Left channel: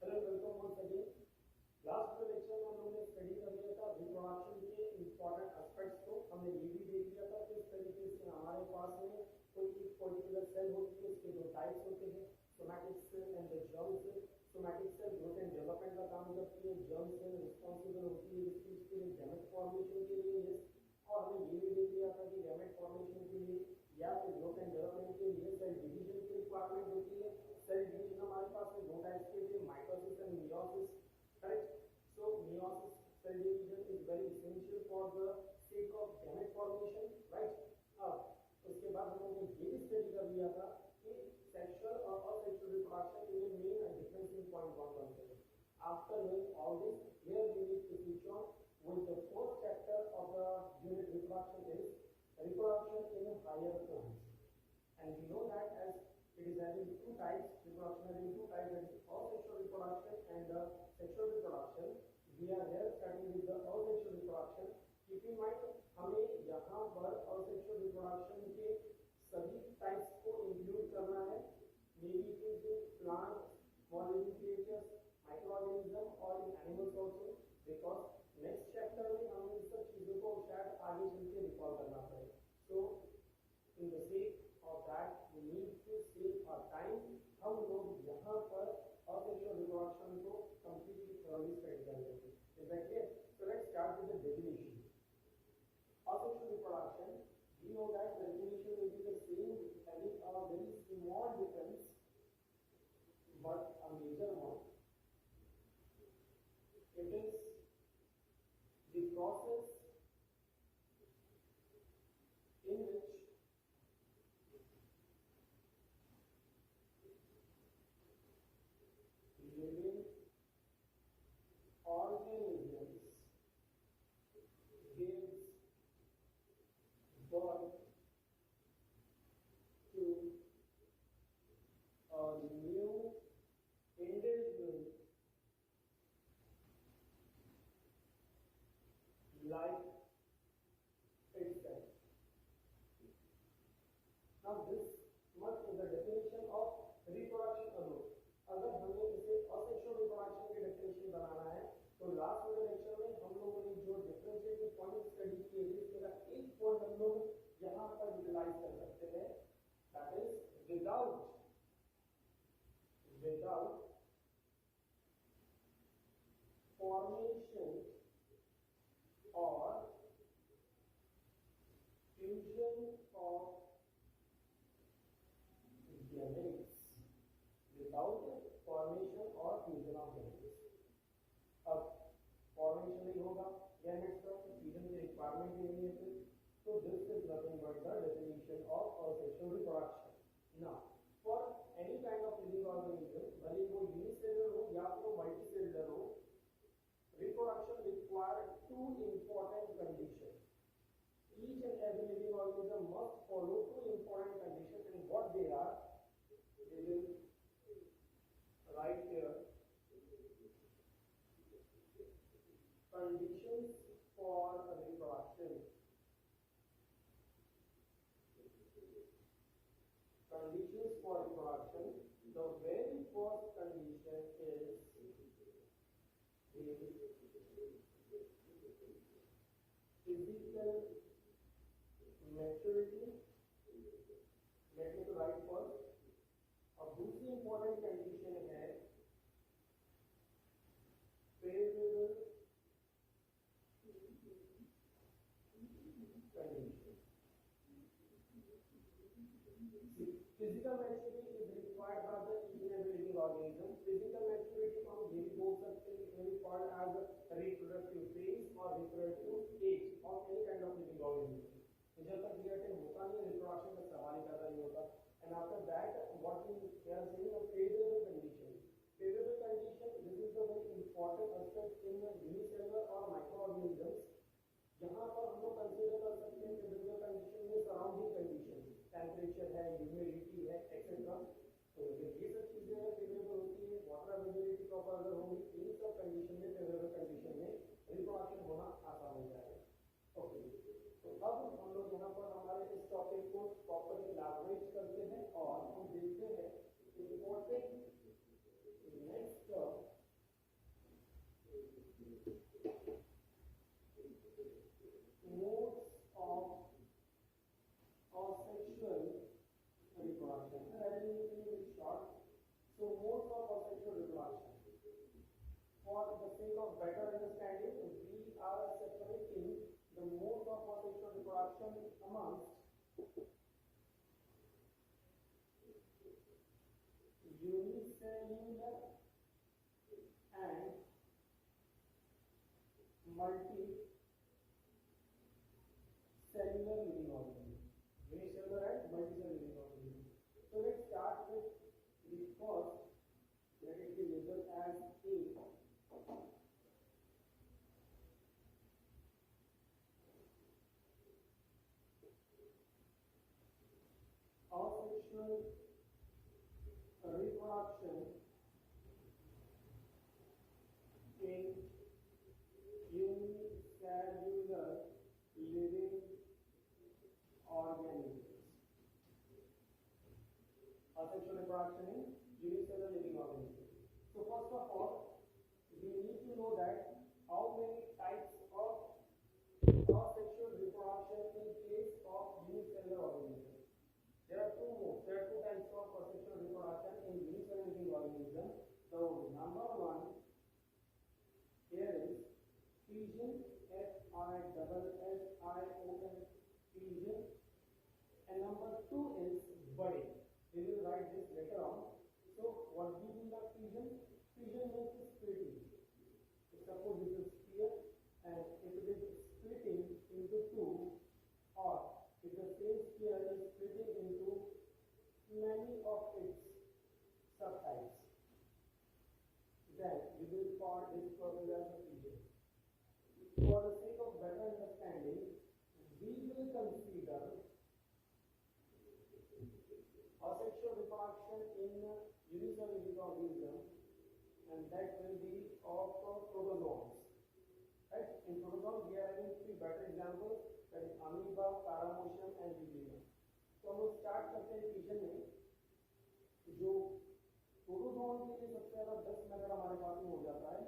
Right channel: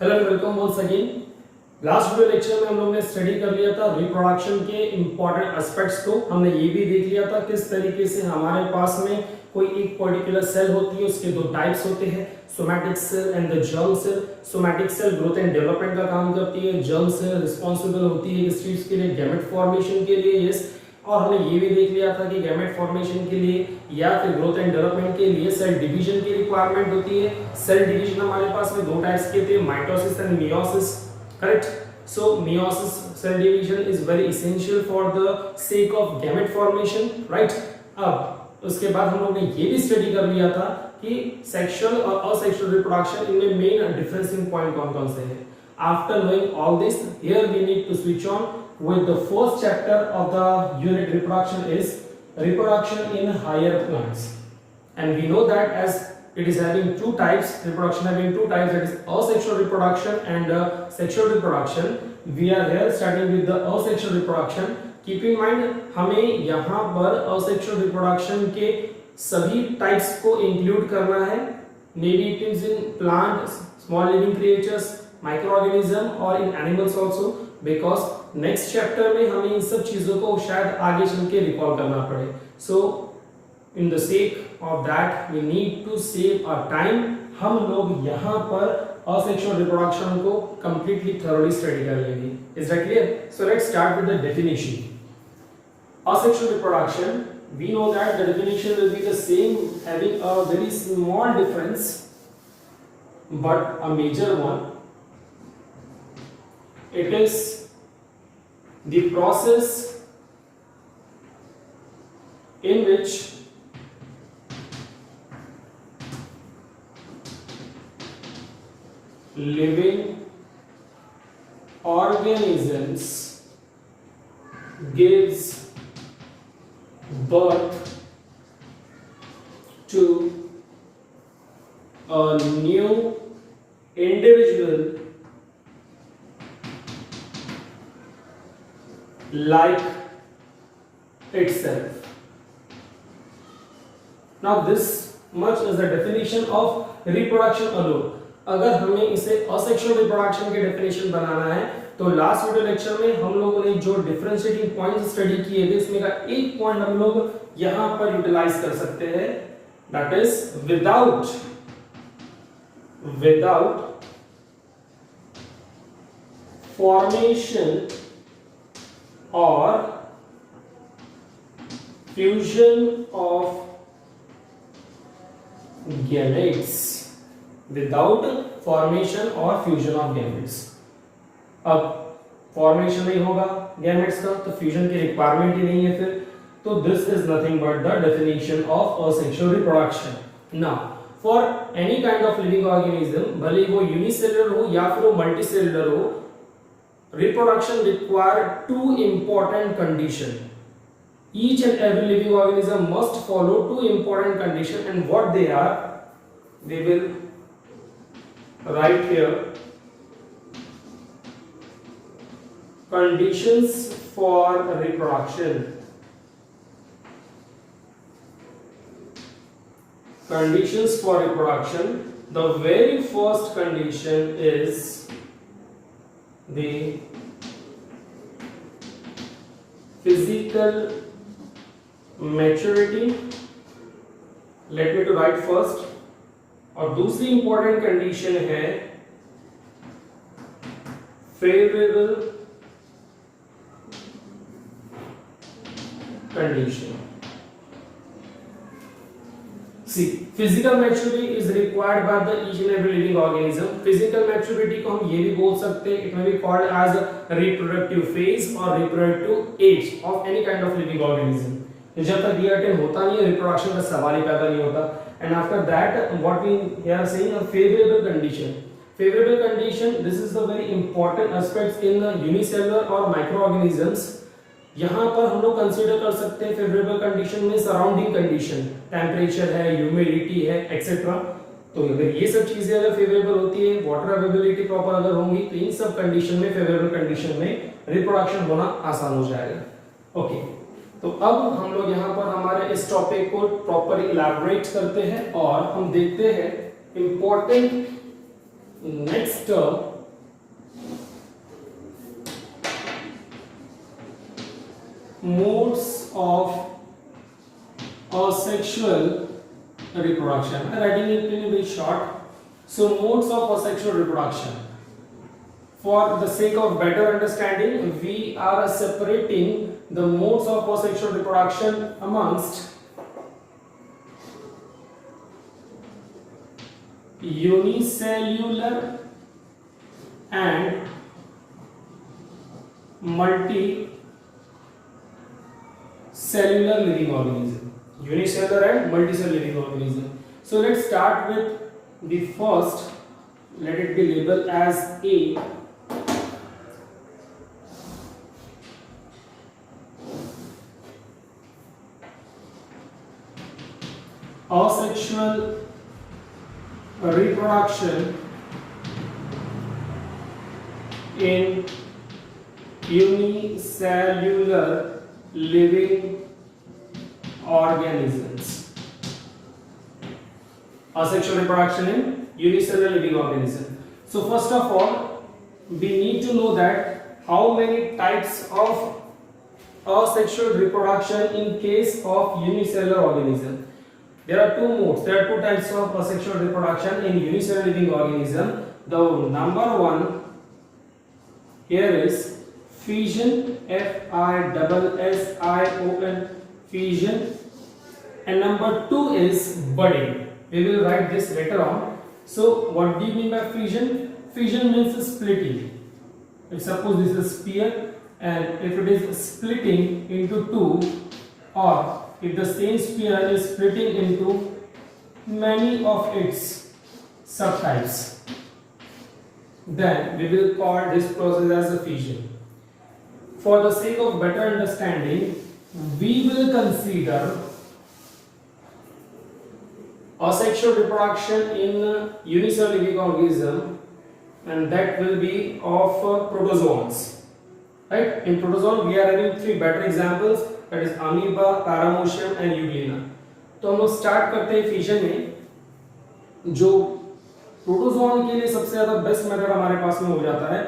Hello and welcome once again. Last video lecture में हम लोग ने स्टडी कर लिया था रिप्रोडक्शन के इंपॉर्टेंट एस्पेक्ट्स को। हमने ये भी देख लिया था किस तरीके से हमारे पास में कोई एक पर्टिकुलर सेल होती है, उसके दो टाइप्स होते हैं, somatic cell and the germ cell. Somatic cell growth and development का काम करती है, जर्म सेल रिस्पांसिबल होती है इस चीज के लिए, गैमेट फॉर्मेशन के लिए। यस, और हमने ये भी देख लिया था कि गैमेट फॉर्मेशन के लिए या फिर ग्रोथ एंड डेवलपमेंट के लिए सेल डिवीजन की रिक्वायरमेंट होती है। सेल डिवीजन हमारे पास में दो टाइप्स के थे, mitosis and meiosis, correct. So meiosis cell division is very essential for the sake of gamete formation, right. अब उसके बाद हम लोग ने ये भी स्टडी कर लिया था कि सेक्सुअल और असेक्सुअल रिप्रोडक्शन इनमें मेन डिफरेंसिंग पॉइंट कौन-कौन से हैं। After knowing all this, here we need to switch on with the first chapter of the unit reproduction is reproduction in higher plants. And we know that as it is having two types, reproduction having two types, that is asexual reproduction and sexual reproduction. We are here starting with the asexual reproduction. Keep in mind, हमें यहाँ पर asexual reproduction के सभी types को include करना है. Maybe it is in plant, small living creatures, microorganism or in animals also, because next chapter में हमें इन सब चीजों को शायद आगे चल के रिकॉल करना पड़े. So in the sake of that we need to save our time. हम लोग यहाँ पर asexual reproduction को completely thoroughly study कर लेंगे. Is that clear? So let's start with the definition. Asexual reproduction, we know that the definition will be the same, having a very small difference but a major one. It is the process in which living organisms gives birth to a new individual like itself. Now this much is the definition of reproduction alone. अगर हमें इसे asexual reproduction के definition बनाना है तो last video lecture में हम लोगों ने जो डिफरेंशिएटिंग पॉइंट्स स्टडी किए थे उसमें का एक पॉइंट हम लोग यहां पर यूटिलाइज कर सकते हैं, that is without formation or fusion of gametes, without formation or fusion of gametes. अब फॉर्मेशन नहीं होगा गैमेट्स का तो फ्यूजन की रिक्वायरमेंट ही नहीं है फिर, तो this is nothing but the definition of asexual reproduction. Now for any kind of living organism, भले वो यूनिसेलुलर हो या फिर वो मल्टीसेलुलर हो, reproduction require two important condition. Each and every living organism must follow two important condition, and what they are we will write here. Conditions for reproduction. Conditions for reproduction. The very first condition is the physical maturity. Let me to write first. और दूसरी important condition है favourable condition. See, physical maturity is required by the each and every living organism. Physical maturity को हम ये भी बोल सकते हैं, it may be called as a reproductive phase or reproductive age of any kind of living organism. जब तक ये अटेन होता नहीं है, reproduction का सवाल ही पैदा नहीं होता. And after that, what we are saying a favorable condition. Favorable condition, this is the very important aspects in the unicellular or microorganisms. यहाँ पर हम लोग कंसीडर कर सकते हैं फेवरेबल कंडीशन में सराउंडिंग कंडीशन, टेम्परेचर है, ह्यूमिडिटी है, एक्सेट्रा. तो अगर ये सब चीजें अगर फेवरेबल होती है, वाटर अवेलेबिलिटी प्रॉपर अगर होंगी, तो इन सब कंडीशन में, फेवरेबल कंडीशन में रिप्रोडक्शन होना आसान हो जाएगा. ओके, तो अब हम लोग यहाँ पर हमारे इस टॉपिक को प्रॉपर इलैबोरेट करते हैं और हम देखते हैं important next term, modes of asexual reproduction. I'm writing it in a bit short. So modes of asexual reproduction. For the sake of better understanding, we are separating the modes of asexual reproduction amongst unicellular and multicellular living organism. Unicellular and multicellular living organism. So let's start with the first. Let it be labeled as A. Asexual reproduction in unicellular living organisms. Asexual reproduction in unicellular living organism. So first of all, we need to know that how many types of asexual reproduction in case of unicellular organism. There are two modes. There are two types of asexual reproduction in unicellular living organism. The number one here is fission, Fission, fission, and number two is budding. We will write this later on. So what do you mean by fission? Fission means splitting. If suppose this is sphere, and if it is splitting into two, or if the same sphere is splitting into many of its subtypes, then we will call this process as a fission. For the sake of better understanding, we will consider asexual reproduction in unicellular living organism, and that will be of protozoans. Right? In protozoan, we are having three better examples, that is amoeba, paramecium and euglena. तो हम लोग start करते हैं fission में. जो protozoan के लिए सबसे ज्यादा बेस्ट मेथड हमारे पास में हो जाता है,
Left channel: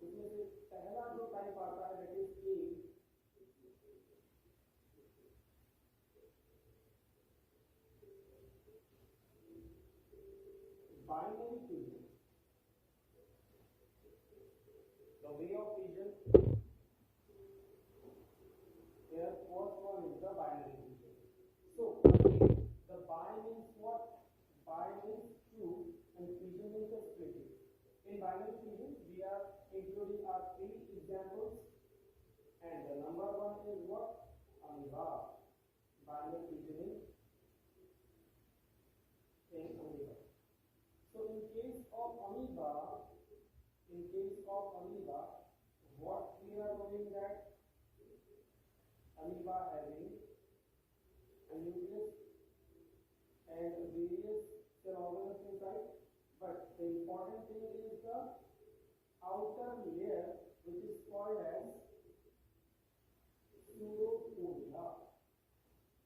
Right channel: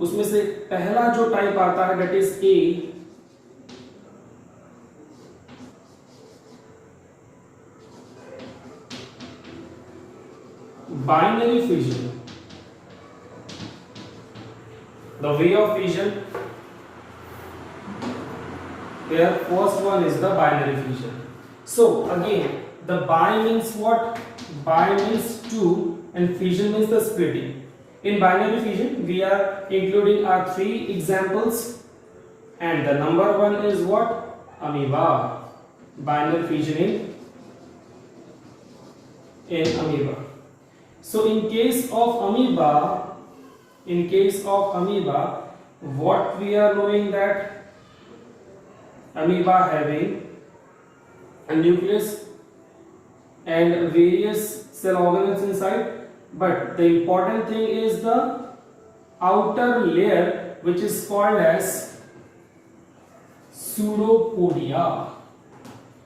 उसमें से पहला जो टाइप आता है, that is a. Binary fission. The way of fission, here first one is the binary fission. So again, the bi means what? Bi means two and fission means the splitting. In binary fission, we are including our three examples, and the number one is what? Amoeba. Binary fission in amoeba. So in case of amoeba, what we are knowing that amoeba having a nucleus and various cell organelles inside, but the important thing is the outer layer, which is called as pseudopodia.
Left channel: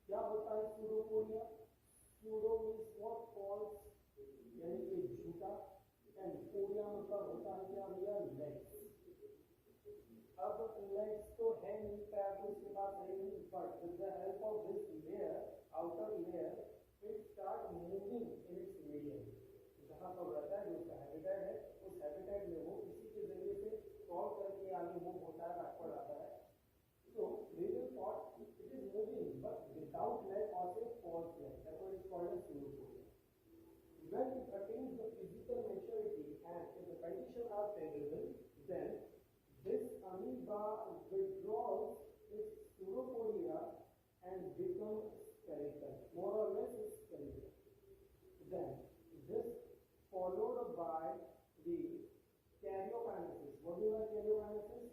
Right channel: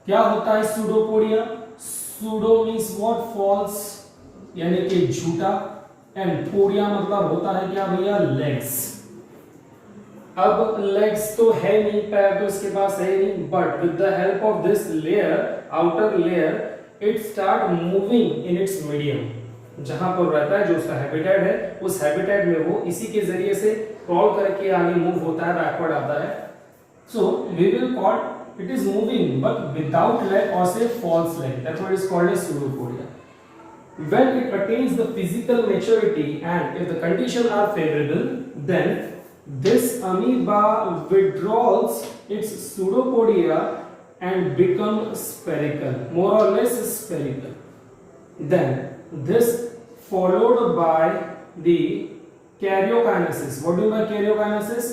क्या होता है pseudopodia? Pseudo means what? False, यानी कि झूठा, and podia मतलब होता है क्या भैया? लेग्स. अब लेग्स तो है नहीं, पैर तो इसके पास है नहीं, but with the help of this layer, outer layer, it start moving in its medium. जहां पर रहता है, जो उसका हैबिटेट है, उस हैबिटेट में वो इसी के जरिए से क्रॉल करके आगे मूव होता है, बैकवर्ड आता है. So we will call it is moving but without leg or say false leg. That's what is called as pseudopodia. When it attains the physical maturity and if the conditions are favorable, then this amoeba withdraws its pseudopodia and become spherical, more or less spherical. Then this followed by the karyokinesis. What do you mean by karyokinesis?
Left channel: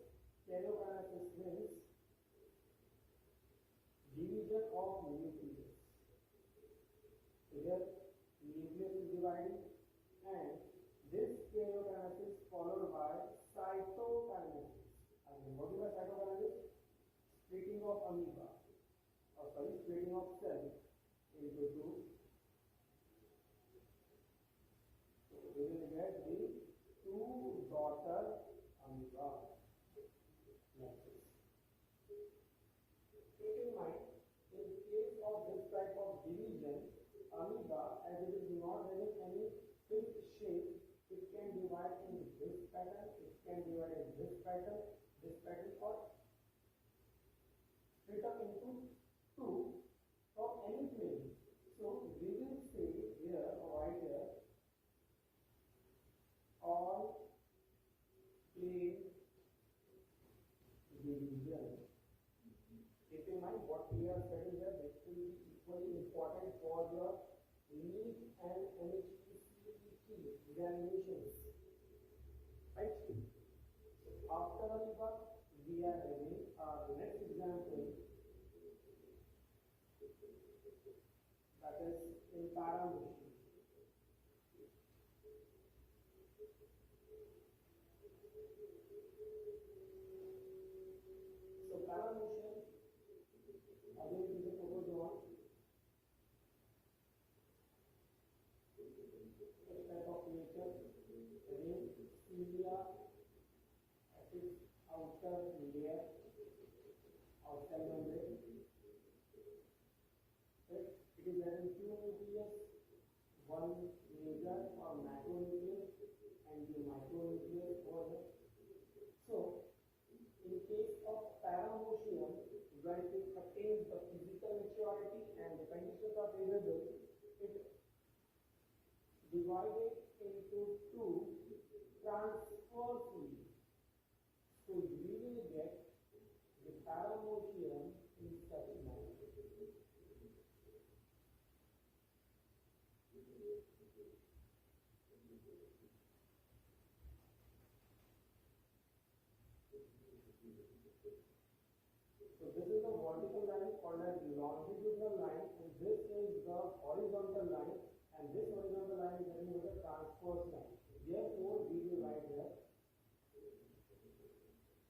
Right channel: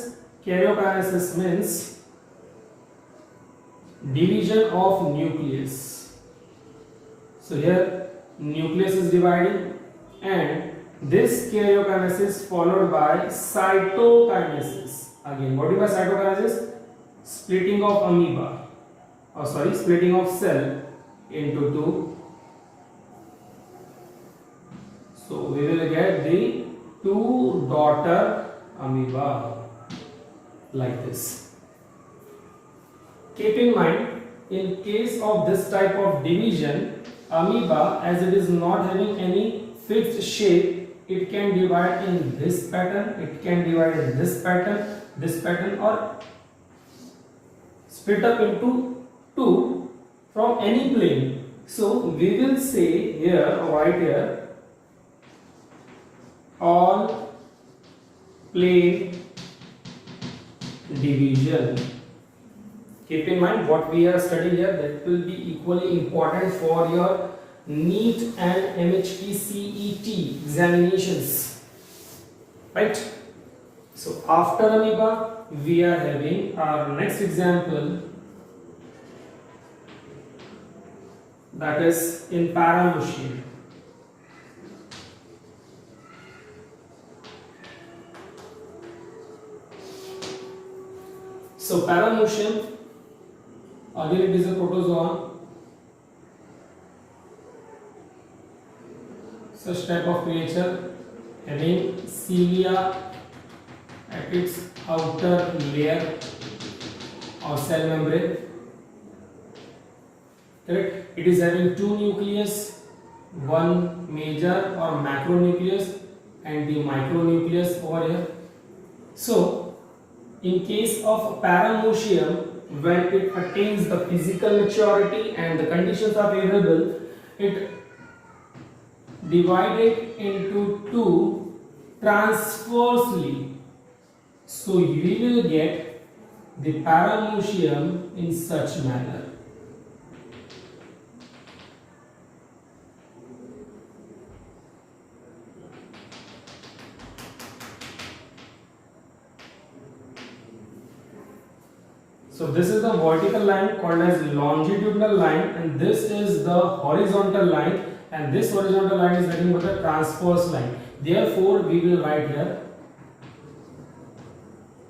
Karyokinesis means division of nucleus. So here nucleus is dividing, and this karyokinesis followed by cytokinesis. Again, what do you mean by cytokinesis? Splitting of amoeba, splitting of cell into two. So we will get the two daughter amoeba, like this. Keep in mind, in case of this type of division, amoeba, as it is not having any fixed shape, it can divide in this pattern, it can divide in this pattern, or split up into two from any plane. So we will say here, right here, all plane division. Keep in mind what we are studying here, that will be equally important for your NEET and MHPCET examinations, right? So after amoeba, we are having our next example, that is in paramushia. So paramushia, again it is a protozoan, such type of creature having cilia at its outer layer or cell membrane. Correct? It is having two nucleus, one major or macronucleus and the micronucleus over here. So in case of paramushia, when it attains the physical maturity and the conditions are favorable, it divided into two transversely. So you will get the paramushia in such manner. So this is the vertical line called as longitudinal line, and this is the horizontal line, and this horizontal line is nothing but a transverse line. Therefore we will write here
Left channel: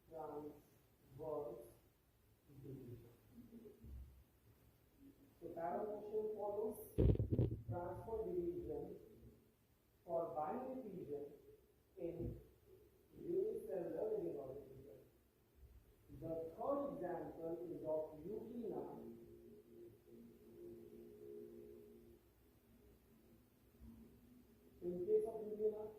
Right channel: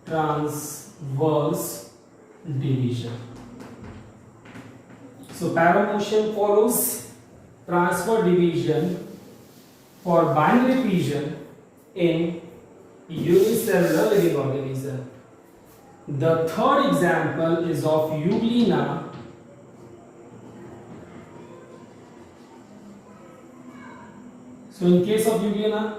transverse division. So paramushia follows transverse division for binary fission in unicellular living organism. The third example is of Euglena. So in case of Euglena,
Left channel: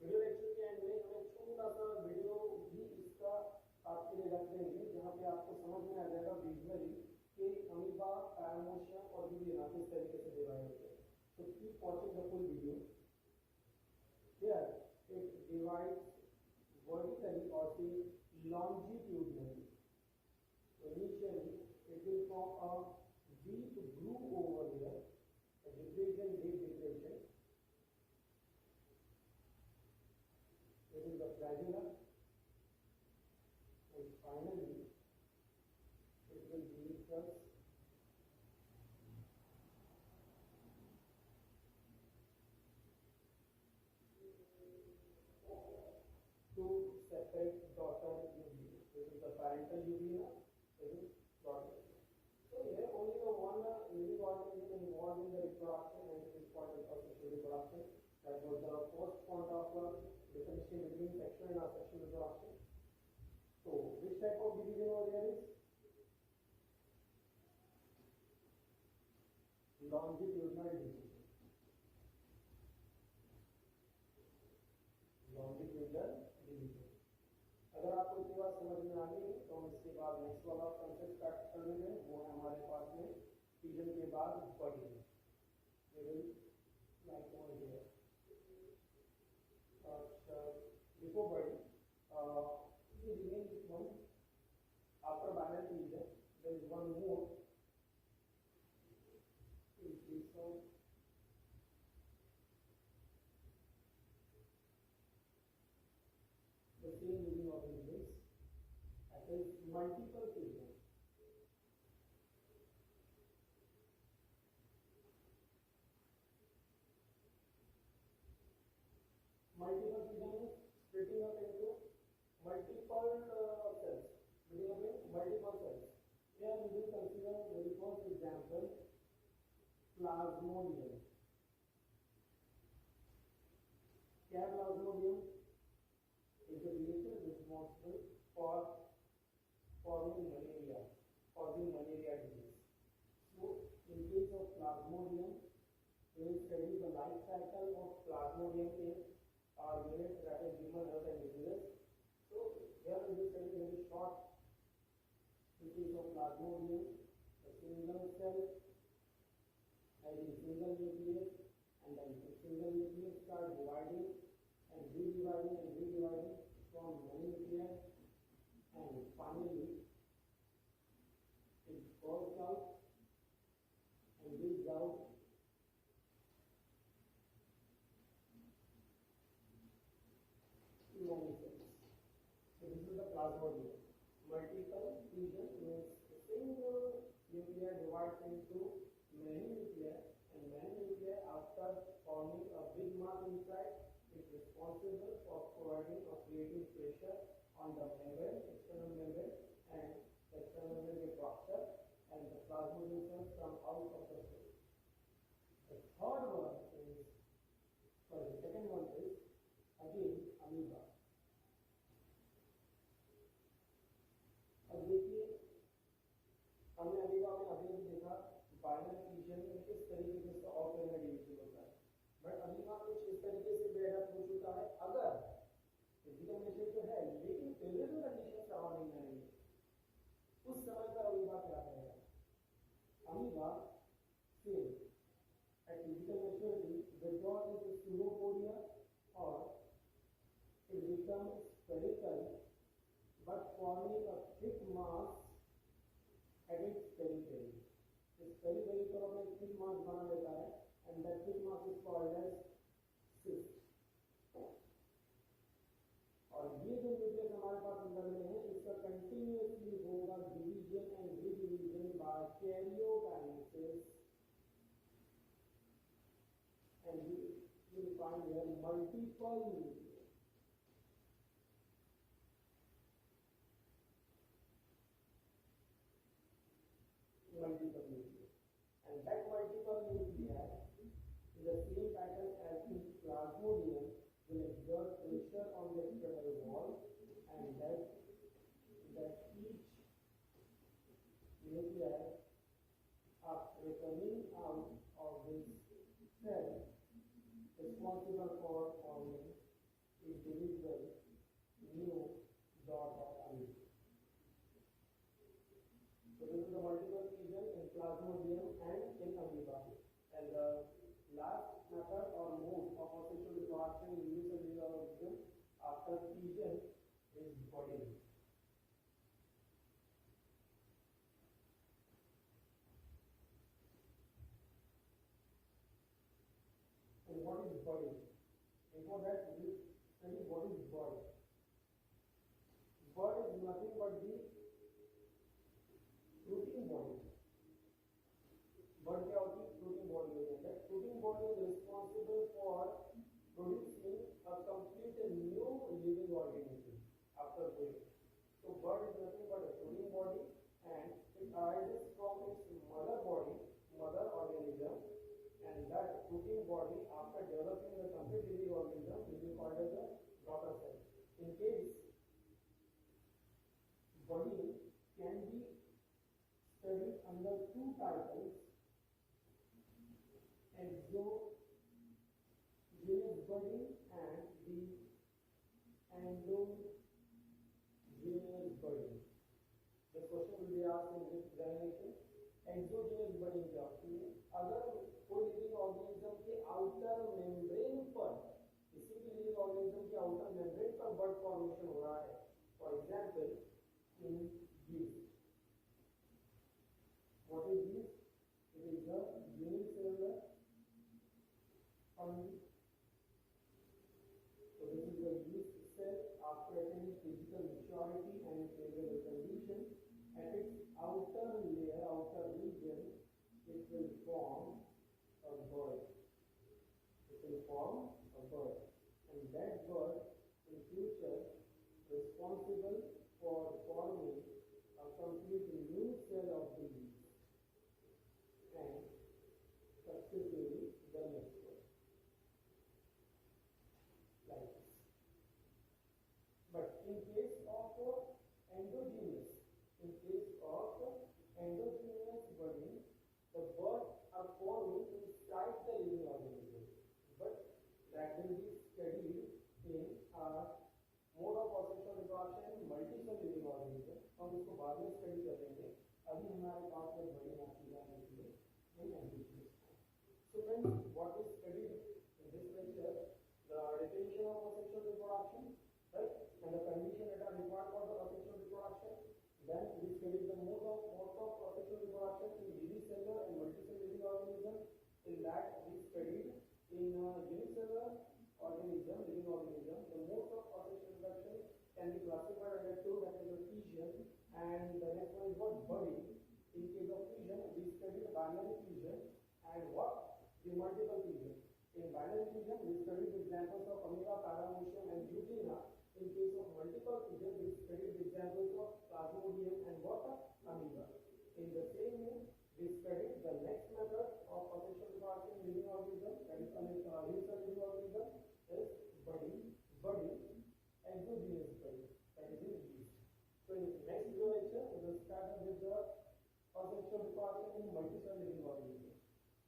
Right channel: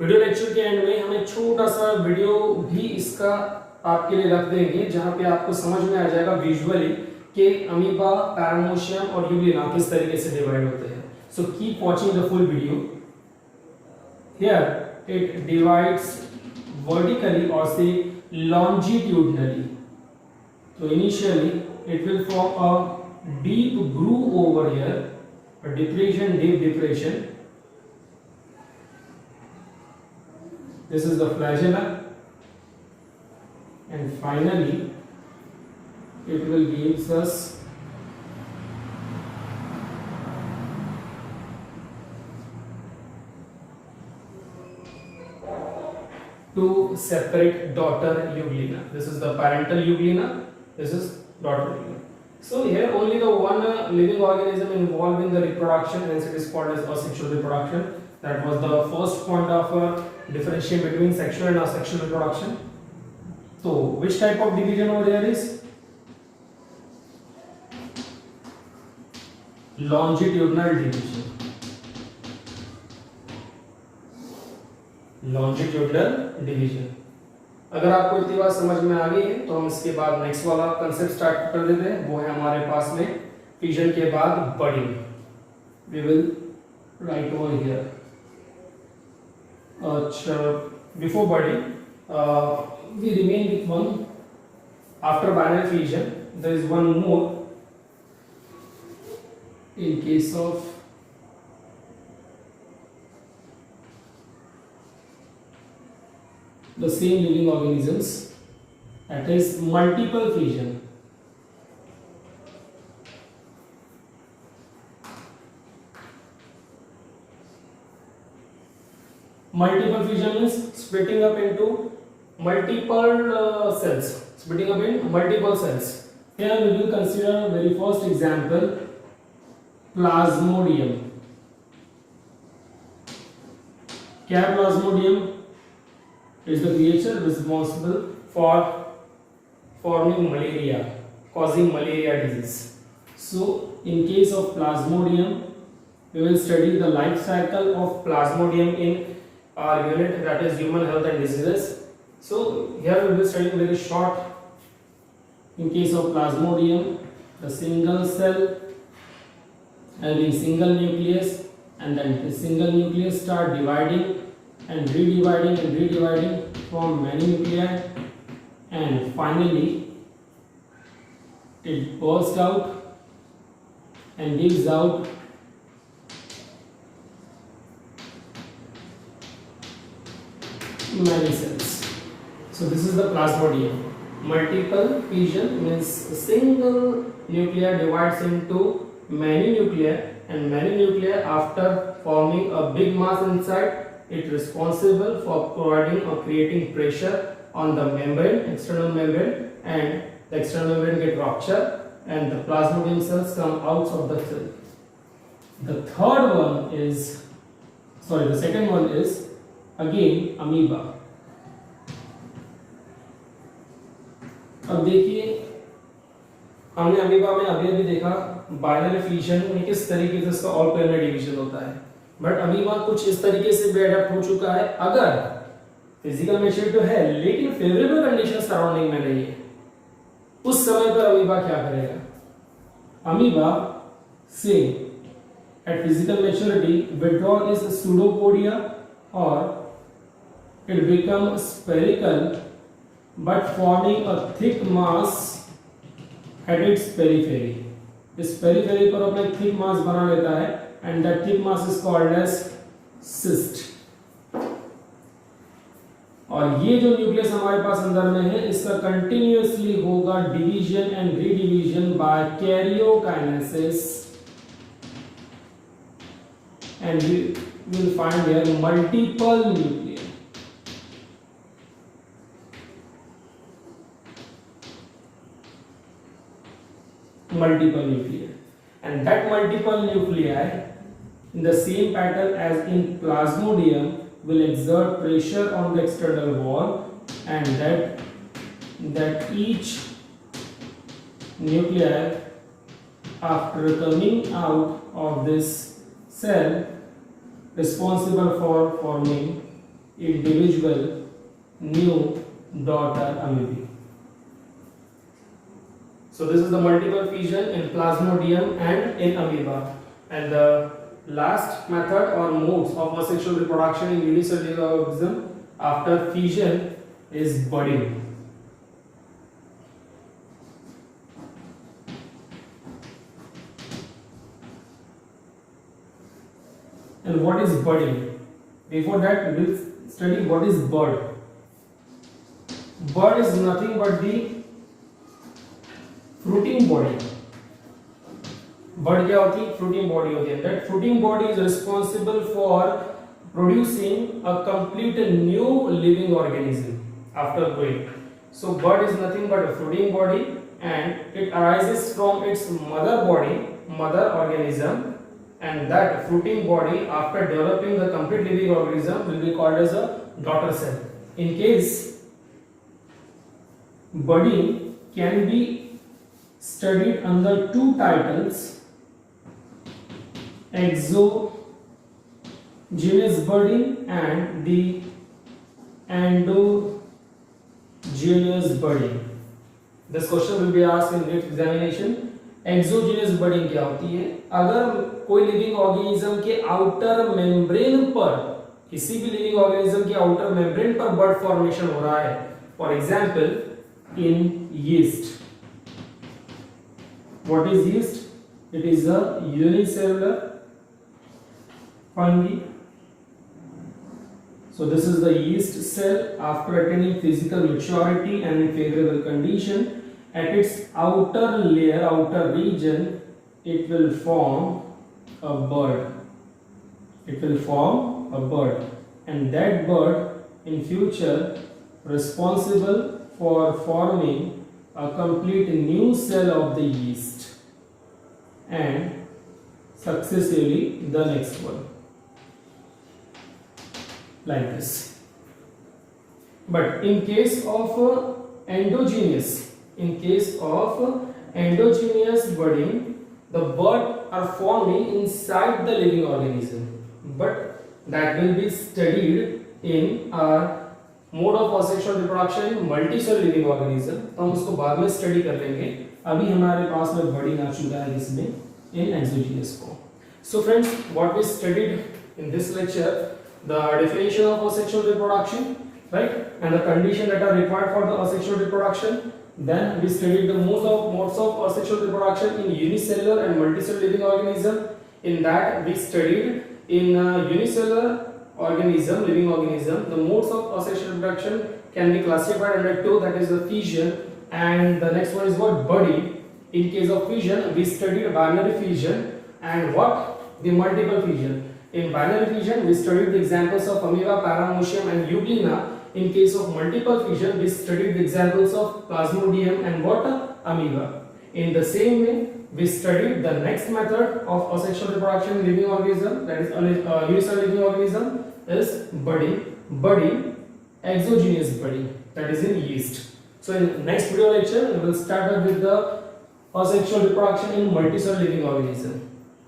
video lecture के and में हम एक छोटा सा video भी इसका आपके लिए रख देंगे, जहां पे आपको समझ में आ जाएगा विजुअली कि अमीबा, पैरामोशियम और यूग्लिना किस तरीके से डिवाइड होते हैं. So keep watching the full video. Here it divides vertically or say longitudinally. So initially it will form a deep groove over here, a depression, deep depression. This is the flagella, and finally it will gives us two separate daughter euglena. This is the parental euglena, this is daughter euglena. So here only the one living organism involved in the reproduction, hence it is called as asexual reproduction. That was the first point of differentiation between sexual and asexual reproduction. So which type of division over there is longitudinal division. Longitudinal division. अगर आपको इतनी बात समझ में आ गई है तो हम इसके बाद नेक्स्ट वाला कंसेप्ट स्टार्ट कर देते हैं. वो है हमारे पास में फिजन के बाद budding. We will write over here. अच्छा, before budding we remain with one. After binary fission there is one more. In case of the same living organisms, that is multiple fission. Multiple fission means splitting up into multiple cells, splitting up in multiple cells. Here we will consider very first example, Plasmodium. क्या है Plasmodium? Is the creature responsible for forming malaria, causing malaria disease. So in case of Plasmodium, we will study the life cycle of Plasmodium in our unit, that is human health and diseases. So here we will study very short. In case of Plasmodium, the single cell having single nucleus, and then the single nucleus start dividing and redividing from many nuclei, and finally it bursts out and gives out many cells. So this is the Plasmodium. Multiple fission means a single nuclei divides into many nuclei, and many nuclei after forming a big mass inside it responsible for providing or creating pressure on the membrane, external membrane, and the external membrane get ruptured and the Plasmodium cells come out of the cell. The second one is again amoeba. अब देखिए हमने amoeba में अभी देखा binary fission में किस तरीके से इसका ऑल प्लेनर डिवीजन होता है, बट अमीबा कुछ इस तरीके से भी अडैप्ट हो चुका है। अगर फिजिकल मैच्योरिटी तो है लेकिन फेवरेबल कंडीशन सराउंडिंग में नहीं है, उस समय पर अमीबा क्या करेगा? अमीबा से eight physical maturity withdrawal is pseudopodia or it become spherical but forming a thick mass at its periphery. इस पेरिफेरी पर अपना थिक मास बना लेता है and that thick mass is called as cyst. और ये जो न्यूक्लियस हमारे पास अंदर में है इसका कंटिन्यूअसली होगा division and redivision by karyokinesis and we will find here multiple nuclei. And that multiple nuclei in the same pattern as in Plasmodium will exert pressure on the external wall, and that each nuclei after coming out of this cell responsible for forming individual new daughter amoebae. So this is the multiple fission in Plasmodium and in amoeba. And the last method or modes of asexual reproduction in unicellular organism after fission is budding. And what is budding? Before that, we will study what is bud. Bud is nothing but the fruiting body. Bud क्या होती है? Fruiting body होती है. That fruiting body is responsible for producing a complete new living organism after growing. So bud is nothing but a fruiting body, and it arises from its mother body, mother organism, and that fruiting body after developing the complete living organism will be called as a daughter cell. In case budding can be studied under two titles, exogenous budding and the endogenous budding. This question will be asked in next examination. Exogenous budding क्या होती है? अगर कोई living organism के outer membrane पर, किसी भी living organism के आउटर मेम्ब्रेन पर बड फॉर्मेशन हो रहा है, for example in yeast. What is yeast? It is a unicellular fungi. So this is the yeast cell after attaining physical maturity and in favorable condition. At its outer layer, outer region, it will form a bud. And that bud in future responsible for forming a a complete new cell of the yeast and successively the next one, like this. But in case of endogenous budding, the buds are forming inside the living organism, but that will be studied in our mode of asexual reproduction in multicellular living organism. तो हम उसको बाद में study कर लेंगे. अभी हमारे पास में budding आ चुका है जिसमें in exogenous form. So friends, what we studied in this lecture, the definition of asexual reproduction, right, and the conditions that are required for the asexual reproduction. Then we studied the modes of asexual reproduction in unicellular and multicellular living organism. In that we studied in unicellular living organism, the modes of asexual reproduction can be classified under two, that is the fission, and the next one is what? Budding. In case of fission, we studied binary fission and what? The multiple fission. In binary fission, we studied the examples of amoeba, paramecium and euglena. In case of multiple fission, we studied the examples of plasmodium and what? Amoeba. In the same way, we studied the next method of asexual reproduction in living organism, that is unicellular living organism, is budding, exogenous budding, that is in yeast. So in the next video lecture, we will start up with the asexual reproduction in multicellular living organism.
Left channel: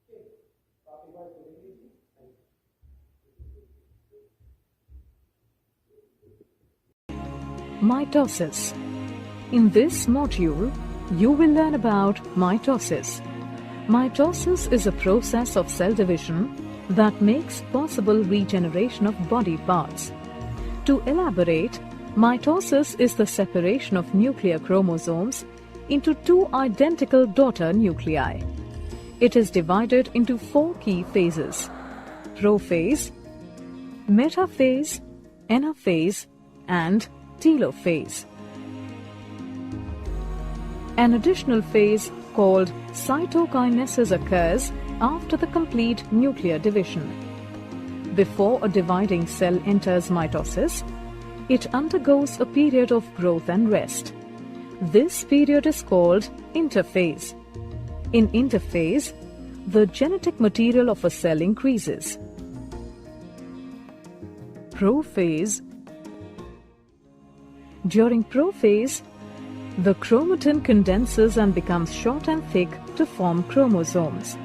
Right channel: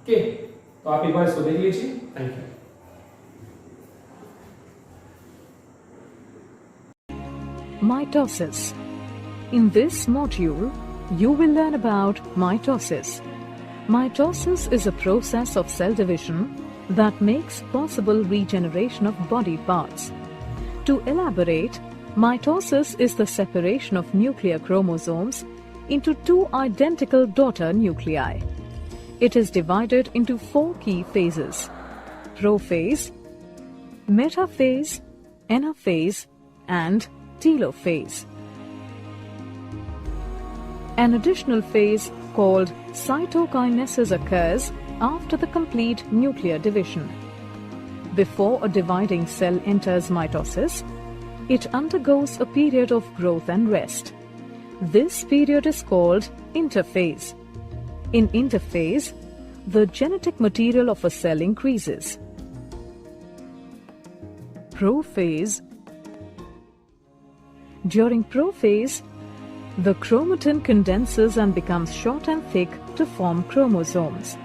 Okay, तो आप एक बार इसको देख लीजिए. Thank you. Mitosis. In this module, you will learn about mitosis. Mitosis is a process of cell division that makes possible regeneration of body parts. To elaborate, mitosis is the separation of nuclear chromosomes into two identical daughter nuclei. It is divided into four key phases: prophase, metaphase, anaphase, and telophase. An additional phase called cytokinesis occurs after the complete nuclear division. Before a dividing cell enters mitosis, it undergoes a period of growth and rest. This period is called interphase. In interphase, the genetic material of a cell increases. Prophase. During prophase, the chromatin condenses and becomes short and thick to form chromosomes.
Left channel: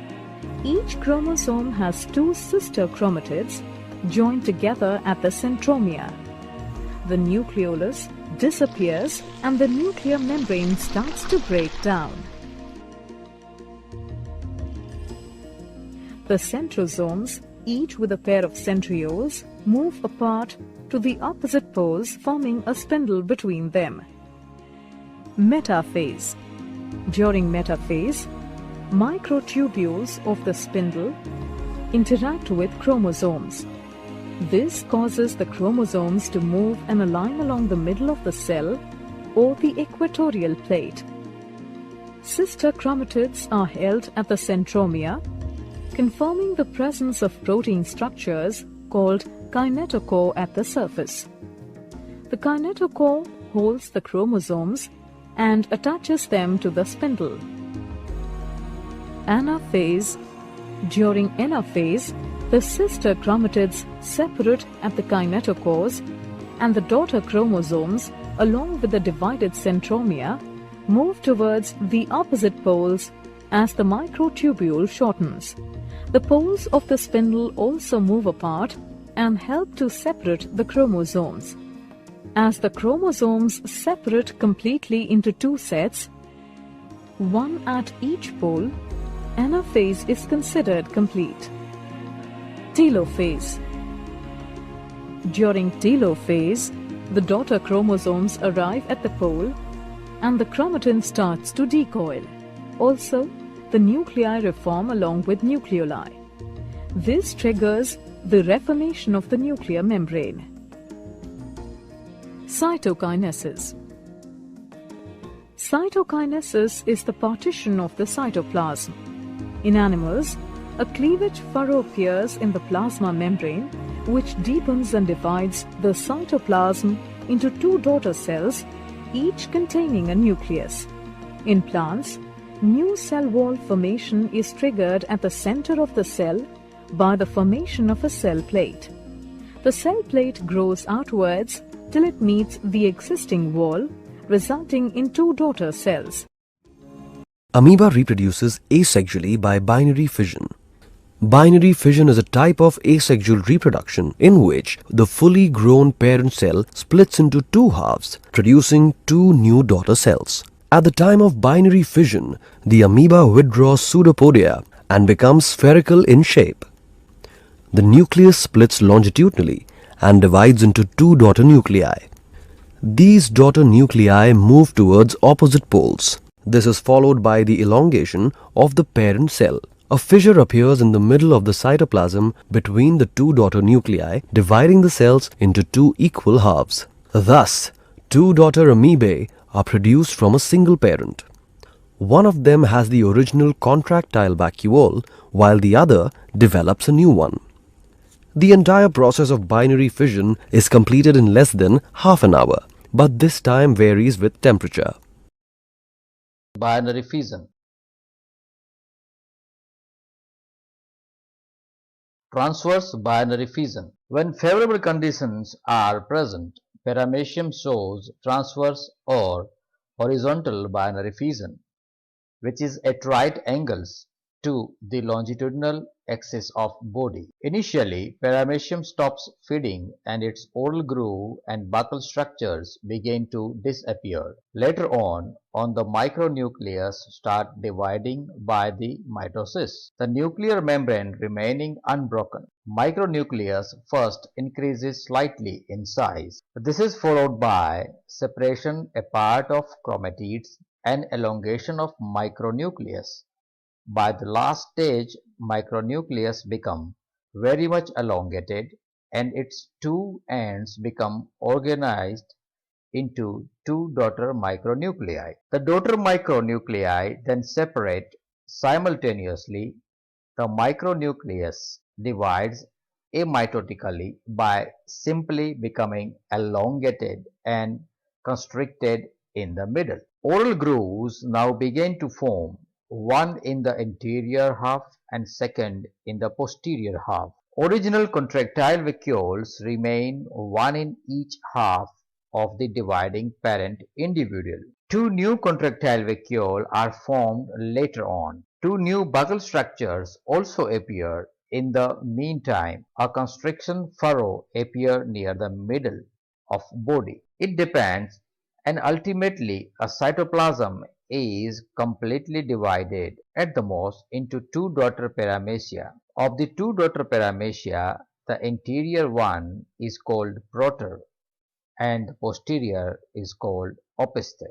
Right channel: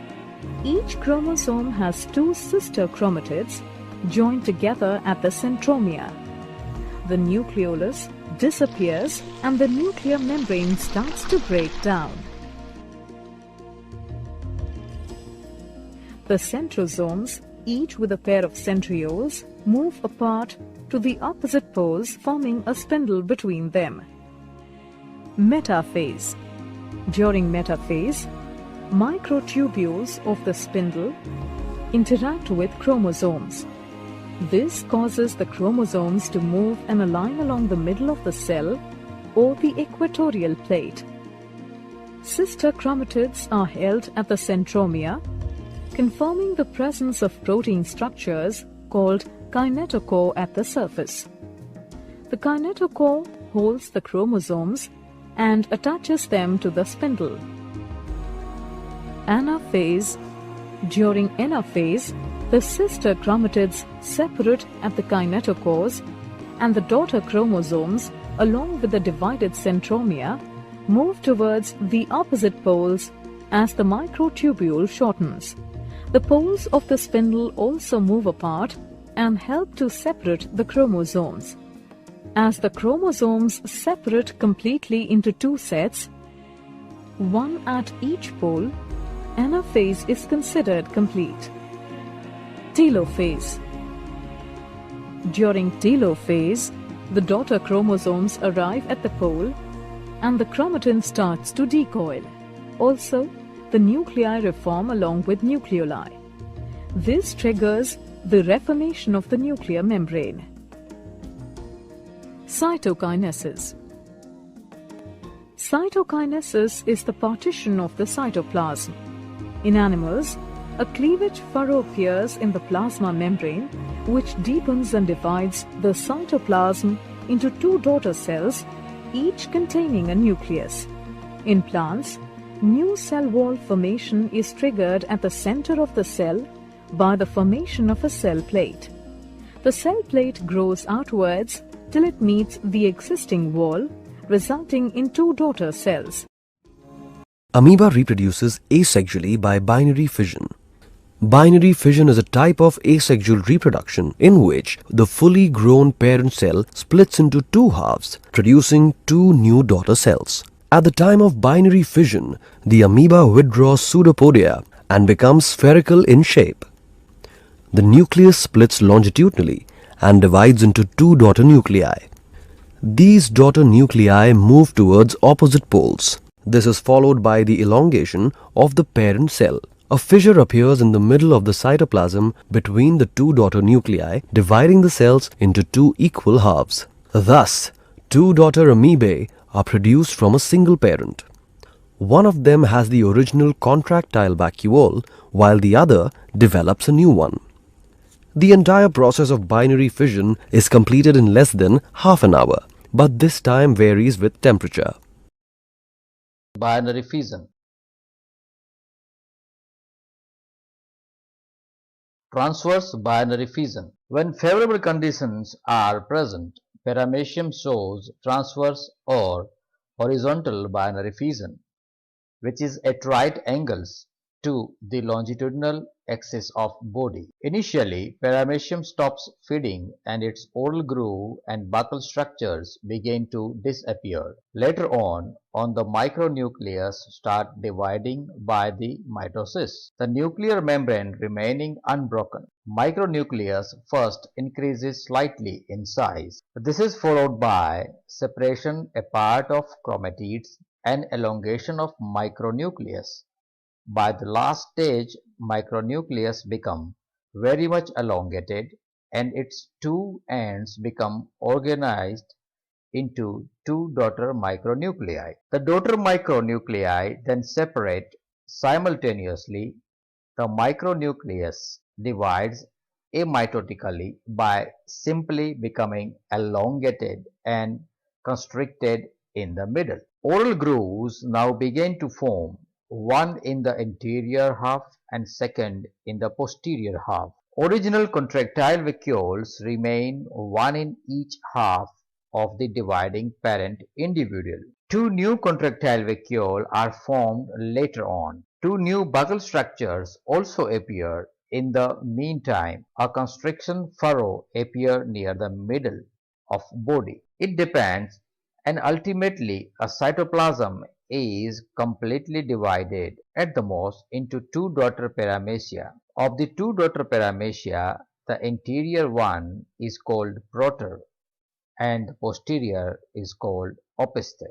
Each chromosome has two sister chromatids joined together at the centromere. The nucleolus disappears and the nuclear membrane starts to break down. The centrosomes, each with a pair of centrioles, move apart to the opposite poles, forming a spindle between them. Metaphase. During metaphase, microtubules of the spindle interact with chromosomes. This causes the chromosomes to move and align along the middle of the cell or the equatorial plate. Sister chromatids are held at the centromere, confirming the presence of protein structures called kinetochore at the surface. The kinetochore holds the chromosomes and attaches them to the spindle. Anaphase. During anaphase, the sister chromatids separate at the kinetochores, and the daughter chromosomes, along with the divided centromere, move towards the opposite poles as the microtubule shortens. The poles of the spindle also move apart and help to separate the chromosomes. As the chromosomes separate completely into two sets, one at each pole, anaphase is considered complete. Telophase. During telophase, the daughter chromosomes arrive at the pole and the chromatin starts to decoil. Also, the nuclei reform along with nucleoli. This triggers the reformation of the nuclear membrane. Cytokinesis. Cytokinesis is the partition of the cytoplasm. In animals, a cleavage furrow appears in the plasma membrane, which deepens and divides the cytoplasm into two daughter cells, each containing a nucleus. In plants, new cell wall formation is triggered at the center of the cell by the formation of a cell plate. The cell plate grows outwards till it meets the existing wall, resulting in two daughter cells. Amoeba reproduces asexually by binary fission. Binary fission is a type of asexual reproduction in which the fully grown parent cell splits into two halves, producing two new daughter cells. At the time of binary fission, the amoeba withdraws pseudopodia and becomes spherical in shape. The nucleus splits longitudinally and divides into two daughter nuclei. These daughter nuclei move towards opposite poles. This is followed by the elongation of the parent cell. A fissure appears in the middle of the cytoplasm between the two daughter nuclei, dividing the cells into two equal halves. Thus, two daughter amoebae are produced from a single parent. One of them has the original contractile vacuole, while the other develops a new one. The entire process of binary fission is completed in less than half an hour, but this time varies with temperature. Binary fission. Transverse binary fission. When favorable conditions are present, paramecium shows transverse or horizontal binary fission, which is at right angles to the longitudinal axis of body. Initially, paramecium stops feeding and its oral groove and buccal structures begin to disappear. Later on the micronucleus start dividing by the mitosis, the nuclear membrane remaining unbroken. Micronucleus first increases slightly in size. This is followed by separation apart of chromatids and elongation of micronucleus. By the last stage, micronucleus become very much elongated and its two ends become organized into two daughter micronuclei. The daughter micronuclei then separate simultaneously. The micronucleus divides amitotically by simply becoming elongated and constricted in the middle. Oral grooves now begin to form, one in the anterior half and second in the posterior half. Original contractile vacuoles remain, one in each half of the dividing parent individual. Two new contractile vacuoles are formed later on. Two new buccal structures also appear. In the meantime, a constriction furrow appears near the middle of body. It depends, and ultimately a cytoplasm is completely divided at the most into two daughter paramecia. Of the two daughter paramecia, the anterior one is called proter and the posterior is called opiste.